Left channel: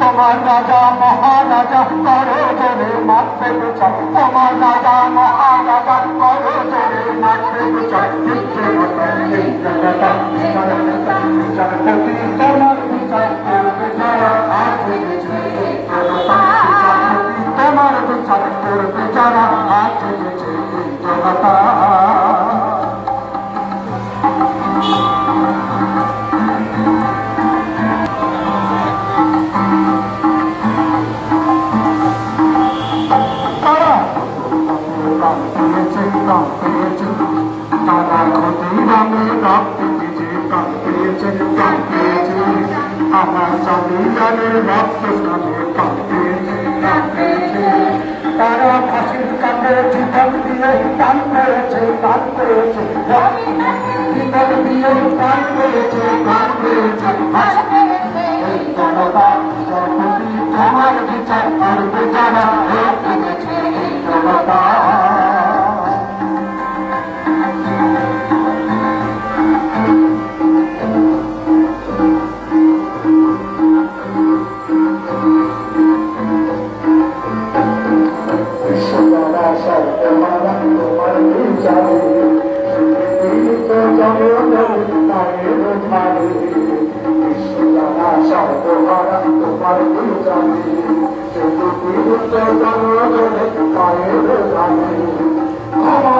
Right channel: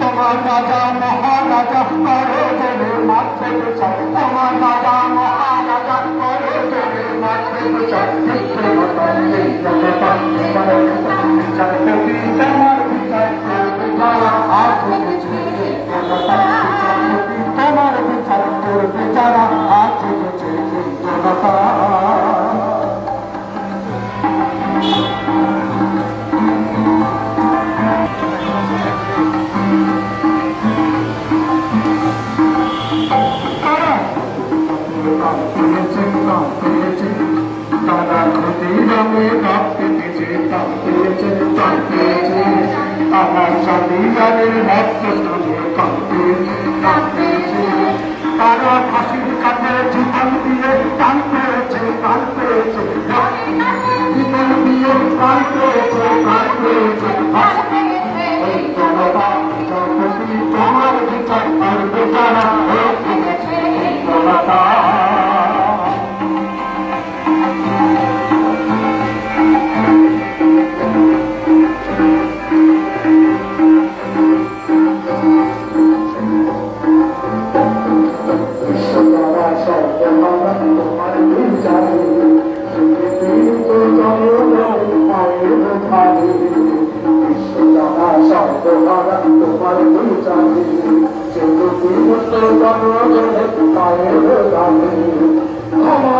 তোমার রাজা মহারাজা করো জনে মারতে বিচার, তোমার রাজা মহারাজা করো জনে মারতে বিচার, তোমার বিচার করবে যারা আজ জনতা। তারা ক্ষতিরামে কাপ পেতেছে, কাপ পেয়েছে, কাপ পেয়েছে, আমার জমিদারের ভক্ত স্থানে কাপ পেয়েছে, কাপ পেয়েছে, তারা ফাঁসির কাছে জীবন দিয়ে প্রাণ পেয়েছে, প্রাণ পেয়েছে, জীবন দিয়ে প্রাণ পেয়েছে, প্রাণ পেয়েছে, এই জনতা যখনই তোমার বিচার করবে যারা জনতা।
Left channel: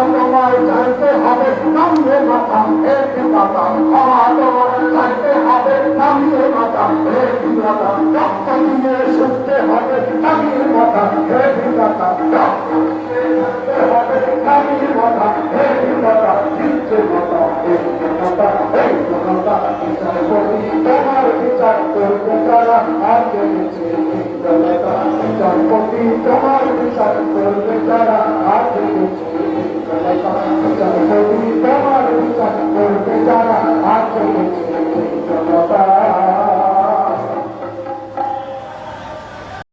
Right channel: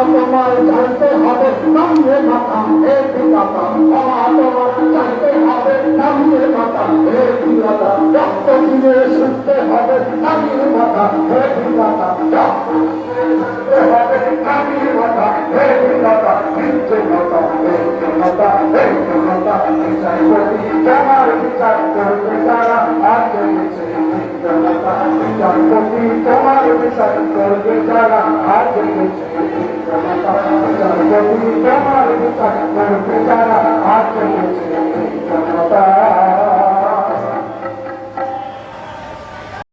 তোমার জানতে হবে নামে মাথা এর বিধাতা, তোমার জানতে হবে নামে মাথা এর বিধাতা, রক্ত দিয়ে শুনতে হবে নামে মাথা এর বিধাতা, তোমার বিচার করবে যারা আগে জনতা, জনপতি তোমার বিচার করবে যারা আগে জনতা, জনপতি তোমার